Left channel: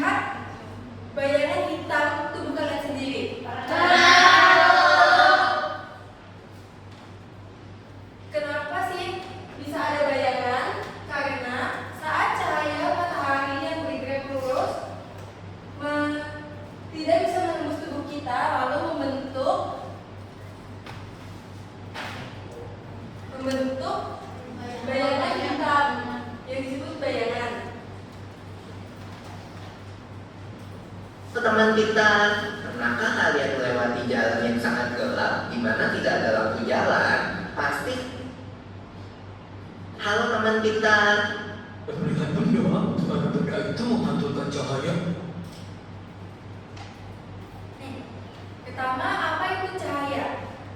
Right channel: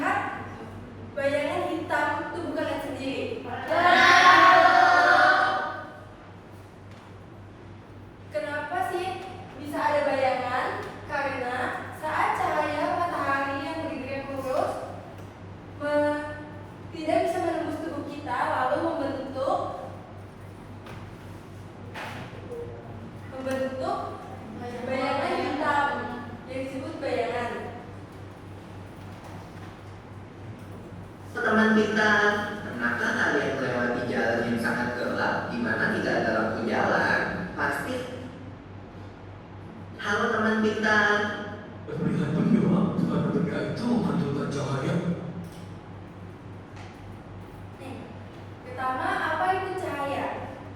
melihat bayangan hitam itu bukan lihat sendiri. Kenapa sih bisa ada bayangan? Karena saat cahaya matahari yang bergerak lurus tidak bisa menembus tubuh kita, lalu membentuk bayangan hitam yang disebut bayangan. Teman pintar, pernahkah kalian melewati jalan yang sangat gelap di mana tidak ada lampu jalan? Pasti. Halo teman pintar. Melihat benda, karena benda itu menghancurkan cahaya. Pertama, apa itu cahaya?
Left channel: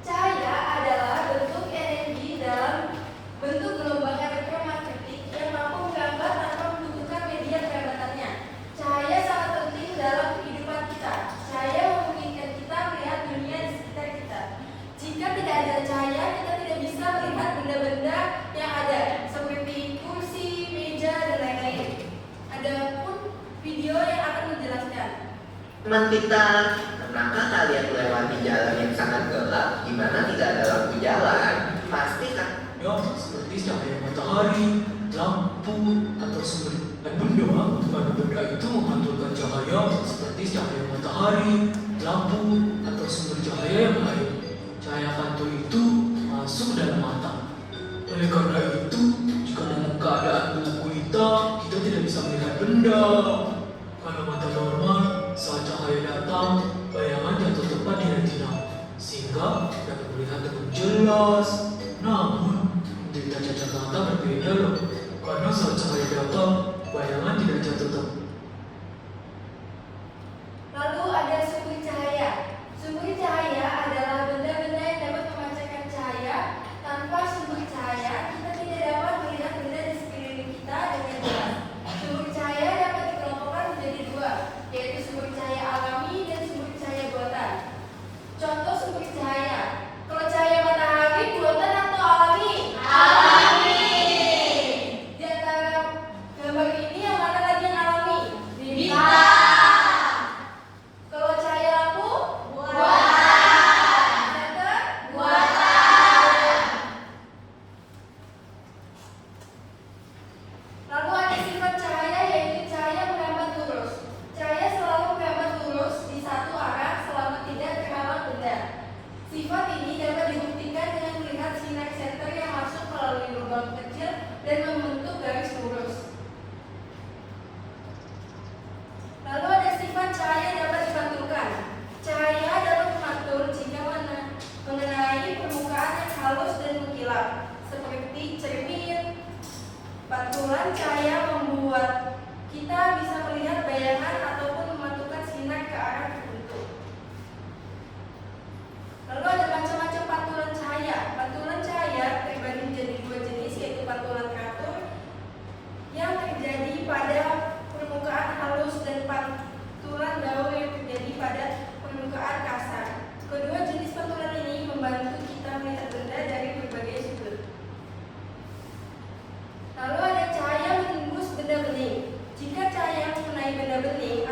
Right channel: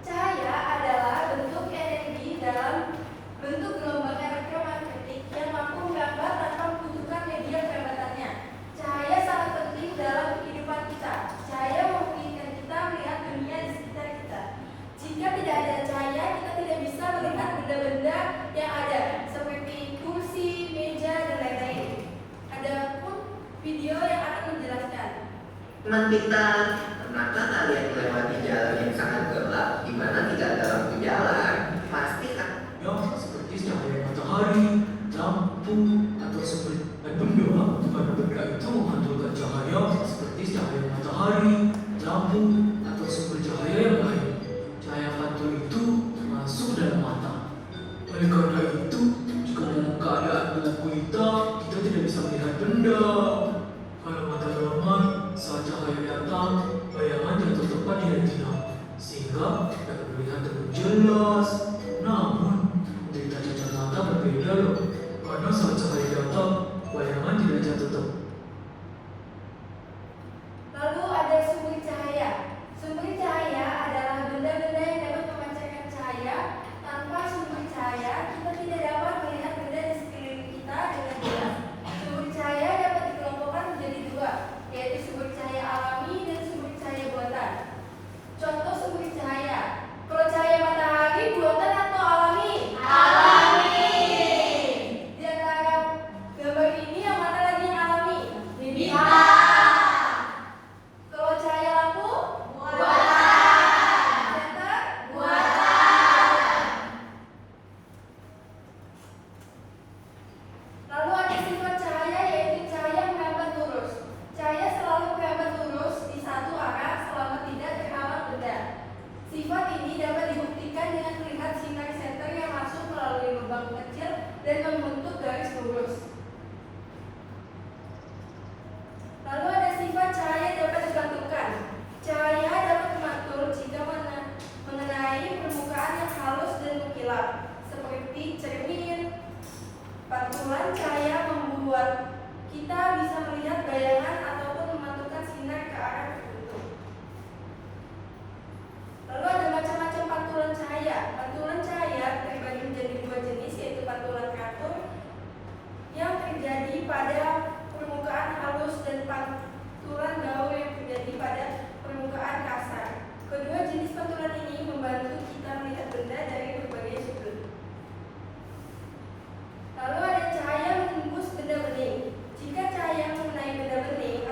Cahaya adalah bentuk energi dalam bentuk gelombang elektromagnetik yang mampu menggambar tanpa membutuhkan media perabatannya. Cahaya sangat penting dalam kehidupan kita. Cahaya memungkinkan kita melihat dunia di sekitar kita. Jika tidak ada cahaya, kita tidak bisa melihat benda-benda yang ada, seperti kursi, meja, dan lain-lain. Adapun video yang akan menjelaskan. Teman pintar, pernahkah kalian melewati jalan yang sangat gelap di mana tidak ada lampu jalan? Pasti kan? Ya, seperti cahaya matahari, lampu, atau sumber benda, karena benda itu menghancurkan cahaya, seperti cahaya matahari, lampu, atau sumber cahaya yang lain. Cahaya kantor itu masuk dalam mata. Oleh karena itu, jika dalam keadaan gelap gulita, kita tidak bisa melihat benda. Kalau mata normal, saat cahaya datang, bayangan jatuh tepat di retina, sehingga dapat melihat dengan jelas. Namun, derita cacat mata berbeda loh, karena saat cahaya datang, bayangan tidak jatuh tepat. Lalu ada sumber cahaya. Sumber cahaya adalah benda-benda yang dapat memancarkan cahaya. Tanpa sumber cahaya, kita tidak dapat melihat benda di sekeliling kita dengan jelas. Sumber cahaya dapat dikelompokkan menjadi dua, yaitu sumber cahaya alami dan sumber cahaya buatan. Contoh sumber cahaya. Kalau cahaya matahari buatan atau alami? Alami. Di antara gambar ini yang mana lagi yang alami? Bintang. Kalau cahaya lampu? Buatan. Center? Buatan. Lalu ada sifat cahaya, yaitu cahaya menghambat lurus. Cahaya selalu menghambat lurus di satu arah selama tidak terhalang benda. Sifat ini dapat dibuktikan dengan melihat sinar senter yang masuk melalui lubang kecil dan membentuk garis lurus. Lalu ada sifat cahaya dapat dipantulkan. Cahaya dapat dipantul jika mengenai permukaan yang halus dan mengkilap, seperti cermin. Pantulan cahaya membuat kita bisa melihat bayangan ataupun memantulkan sinar ke arah tertentu. Lalu ada macam-macam pantulan cahaya. Pantulan cahaya terbagi menjadi dua jenis, yaitu pantulan katur yang terjadi pada permukaan halus dan pantulan gaul yang terjadi pada permukaan kasar. Kedua jenis pantulan ini membantu kita melihat benda dari berbagai sudut. Lalu ada cahaya menembus benda bening. Jika cahaya mengenai benda bening,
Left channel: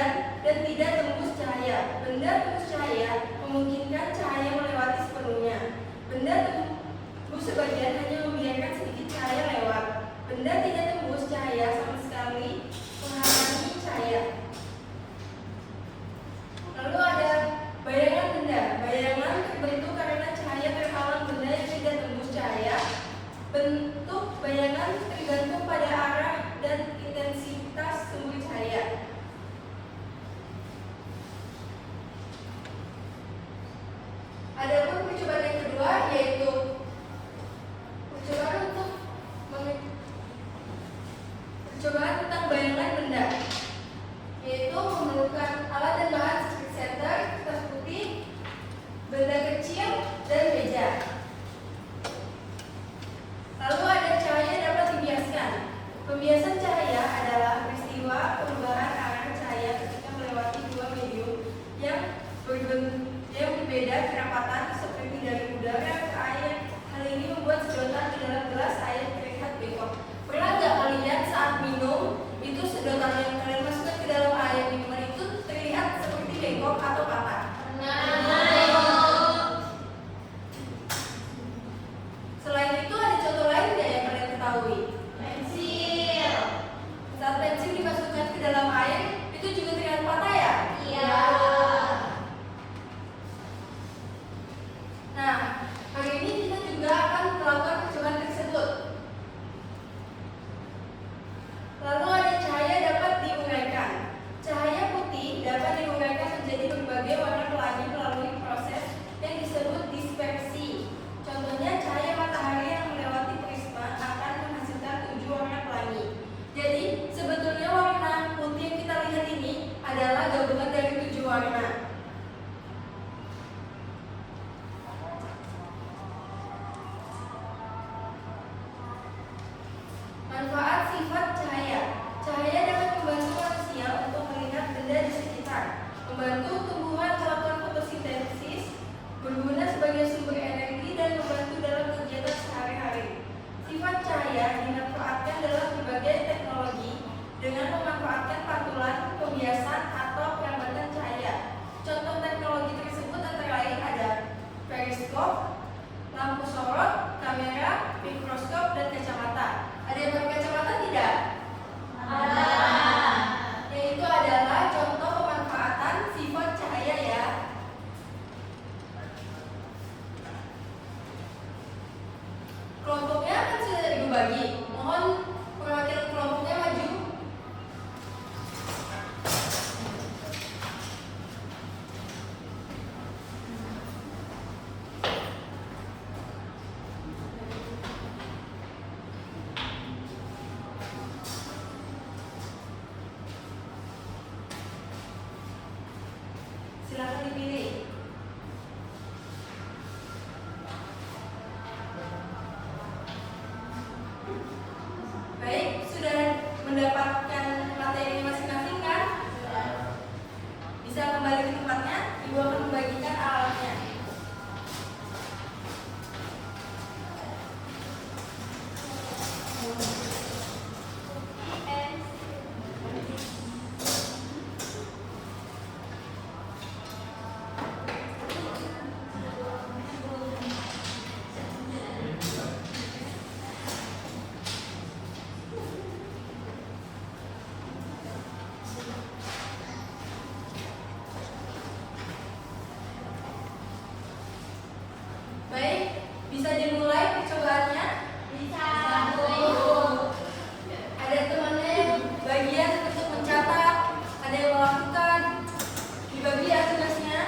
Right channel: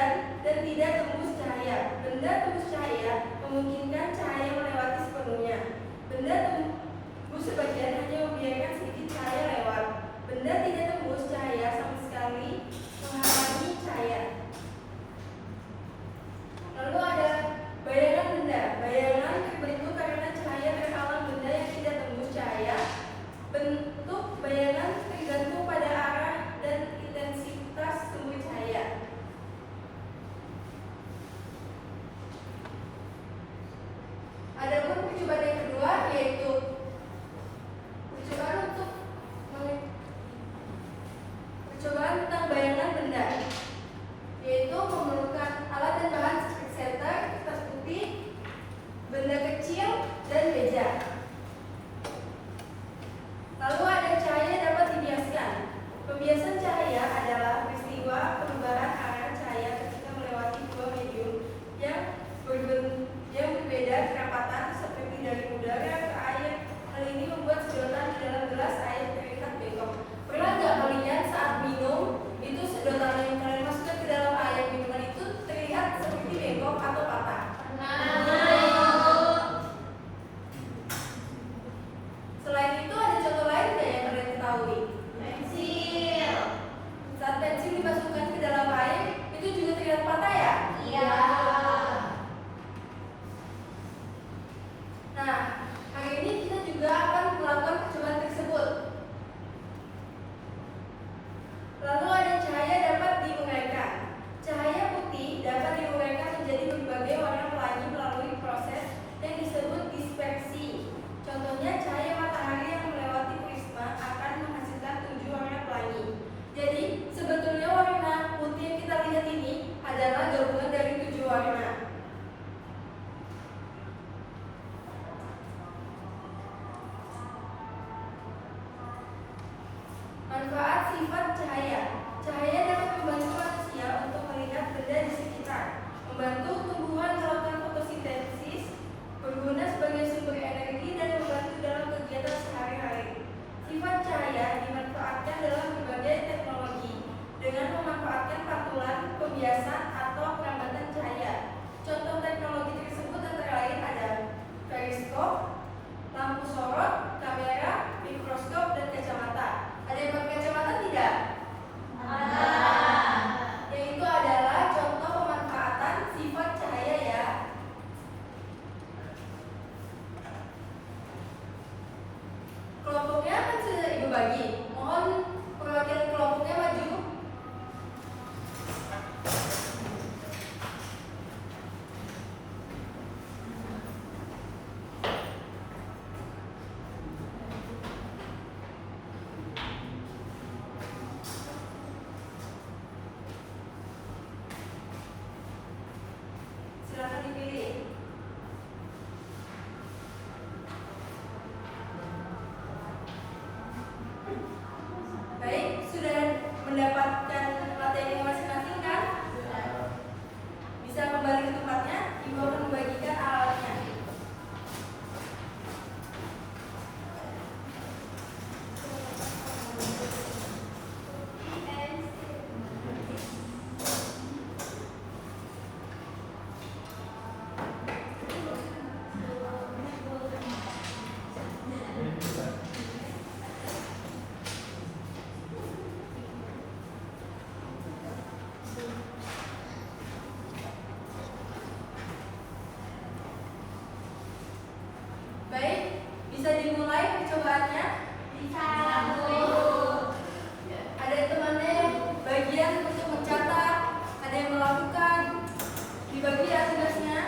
sebagian dan tidak tembus cahaya. Benda tembus cahaya memungkinkan cahaya melewati sepenuhnya. Benda tembus sebagian hanya membiarkan sedikit cahaya lewat. Benda tidak tembus cahaya sama sekali menghalangi cahaya. Lalu ada bayangan benda. Bayangan terbentuk karena cahaya terpalang benda yang tidak tembus cahaya. Bentuk bayangan tergantung pada arah dan intensitas sumber cahaya. Adapun percobaan yang kedua yaitu percobaan tentang bayangan benda, yaitu memerlukan alat dan bahan seperti senter, kertas putih, benda kecil, dan meja. Lalu ada cahaya dapat dibiaskan. Pembiasan cahaya adalah peristiwa perubahan arah cahaya ketika melewati dua medium yang berbeda kerapatan seperti dari udara ke air. Hal ini membuat sedotan di dalam gelas air terlihat bengkok. Pernah nggak kalian saat minum itu sedotan yang kalian masukkan ke dalam air minuman itu terlihat seperti bengkok atau patah? Selain itu ada contoh lain nggak yang kalian ketahui? Pensil. Saat pensil dimasukkan ke dalam air itu juga terlihat patah ya? Iya. Nah, hari ini kita juga akan melakukan percobaan tersebut. Lalu ada cahaya dapat diuraikan. Cahaya putih dapat diuraikan menjadi berbagai warna pelangi melalui proses yang disebut dispersi. Contohnya cahaya matahari yang melewati prisma akan menghasilkan 7 warna pelangi. Jadi sebetulnya warna putih yang kita lihat ini adalah gabungan dari 7 warna. Manfaat sifat cahaya. Cahaya dapat membantu manusia untuk melihat benda di sekitar, membantu tumbuhan melakukan fotosintesis, berguna sebagai sumber energi, dan membantu dalam kegiatan sehari-hari. Sifat cahaya dimanfaatkan dalam berbagai teknologi dengan memanfaatkan pantulan, pembiasan, atau perambatan cahaya. Contoh teknologi tersebut antara lain ada periskop, lampu sorot, kamera, mikroskop, dan kacamata. Ada yang pakai kacamata tidak? Ada. Yang itu adalah contoh pemanfaatan sifat cahaya ya. Kelompoknya kan sudah dibagi. Mohon perwakilan kelompoknya maju. Silakan dipilih. Baik, sudah mendapatkan materi masing-masing kan? Bisa kembali ke tempatnya. Ibu akan membagikan alatnya. Baik, bisa dimulai percobaannya? Bisa. Ada temannya yang bagian untuk mencatat, ada yang melakukan. Dibagi ya tugasnya.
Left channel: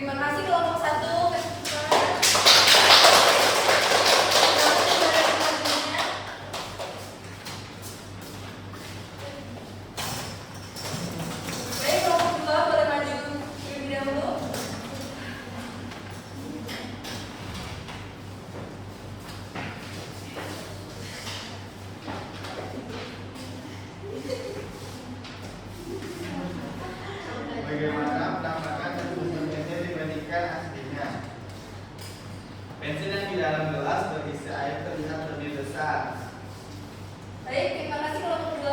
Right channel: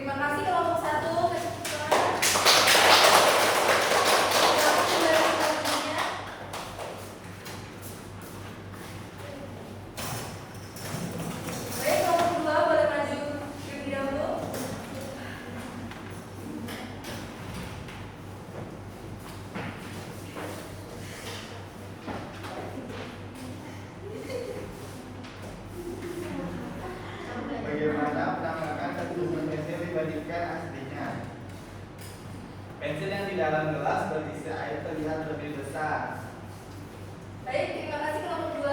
Terima kasih kelompok 1. Baik, kelompok 2 boleh maju terlebih dahulu. Bagaimana penampakan satu buku pensil dibandingkan aslinya? Pensil yang di dalam gelas berisi air terlihat lebih besar. Baik, terima kasih kelompok 2.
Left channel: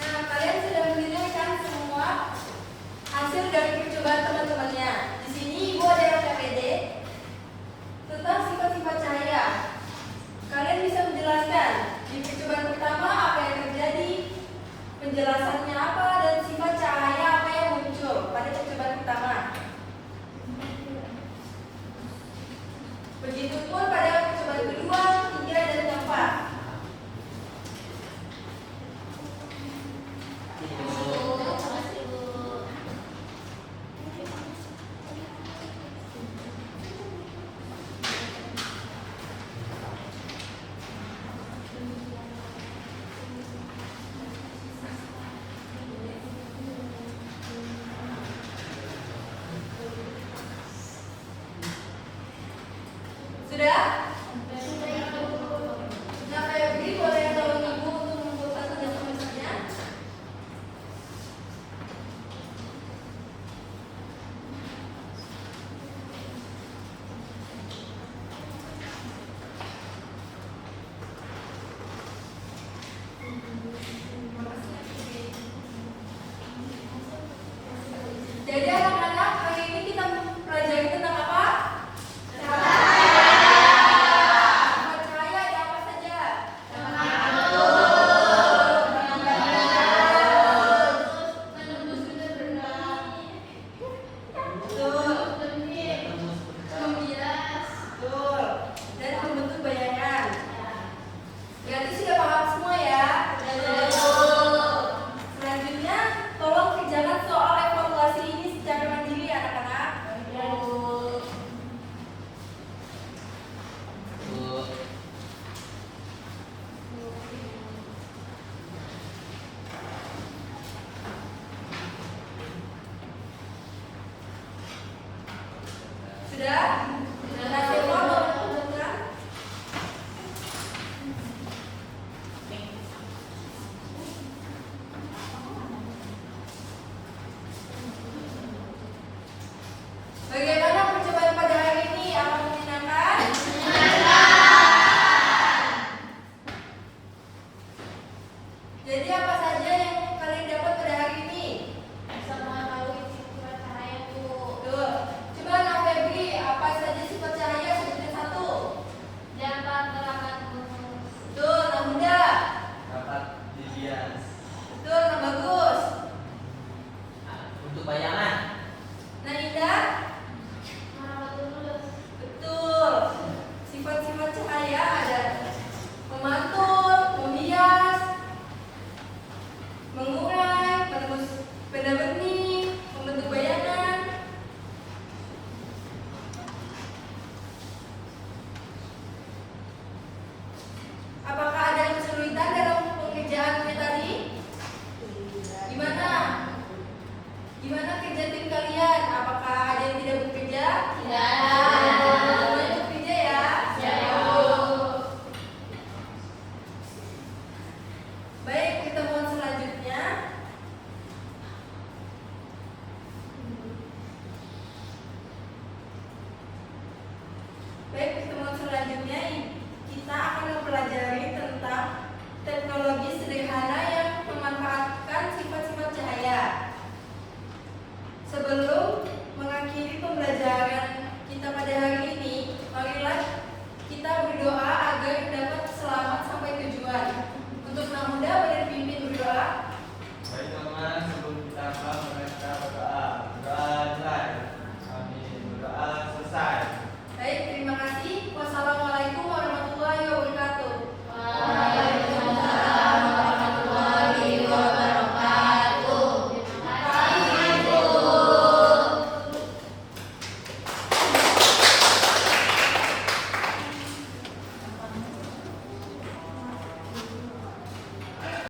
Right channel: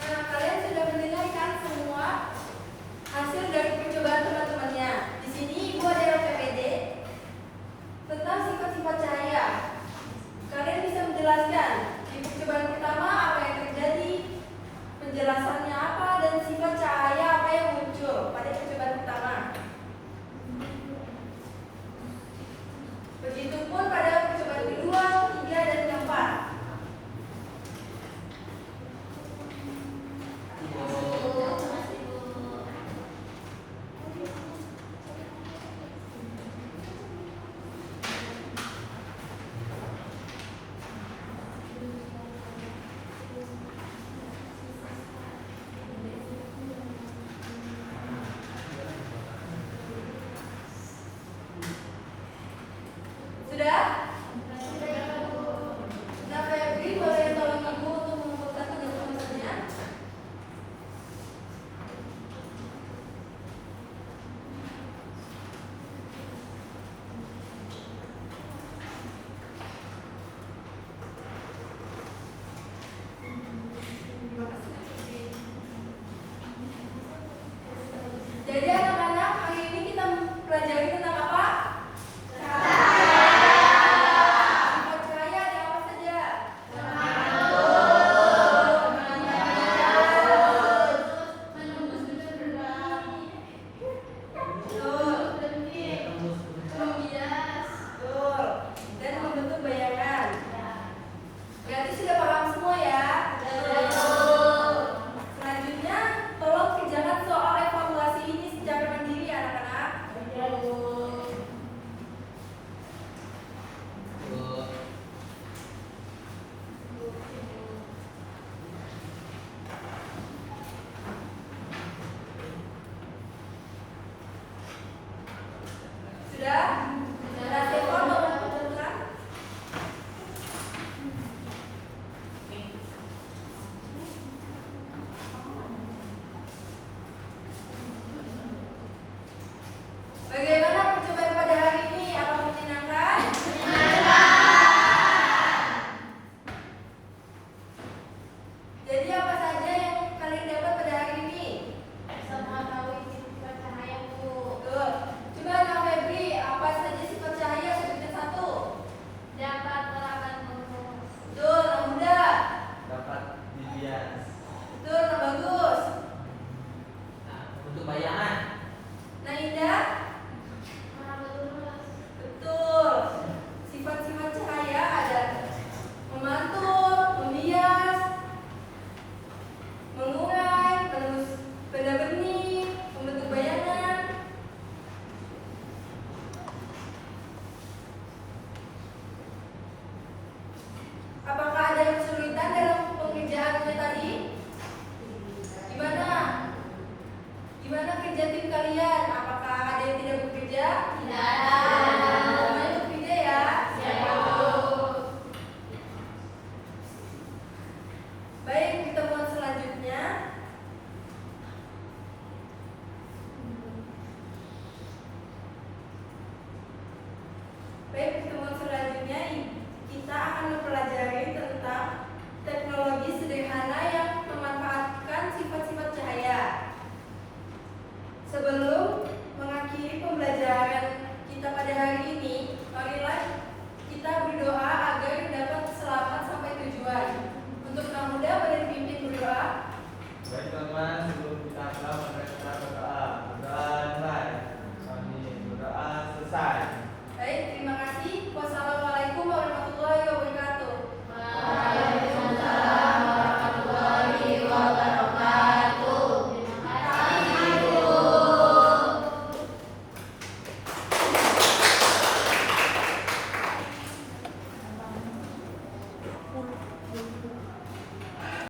Nah, kalian sudah mendengarkan semua hasil dari percobaan teman-temannya. Di sini Ibu adalah KPD tentang sifat-sifat cahaya. Kalian bisa menjelaskan di percobaan pertama apa yang terjadi, penjelasannya apa, dan sifat cahaya apa yang muncul pada percobaan pertama. Begitupun pada percobaan kedua, 3, dan 4. Sudah? Nah, Febri boleh tolong Ibu untuk membuat satunya tulisannya. Jadi anak-anak, hari ini kita pelajari tentang apa? Sifat cahaya ada apa saja? Betul. Dan membentuk bayangan. Berarti sudah paham semua ya? Selanjutnya, tolong kerjakan soal evaluasi ini secara mandiri ya anak-anak. Sudah? Nah, Stefan boleh menunjukkan. Bagaimana percobaan pada hari ini? Apa menyenangkan? Jadi apa saja yang kalian dapat pada hari ini? Betul. Coba Nah Febri, apa saja sifat cahaya seperti 1? Betul, Nah Muda. Dapat dihias.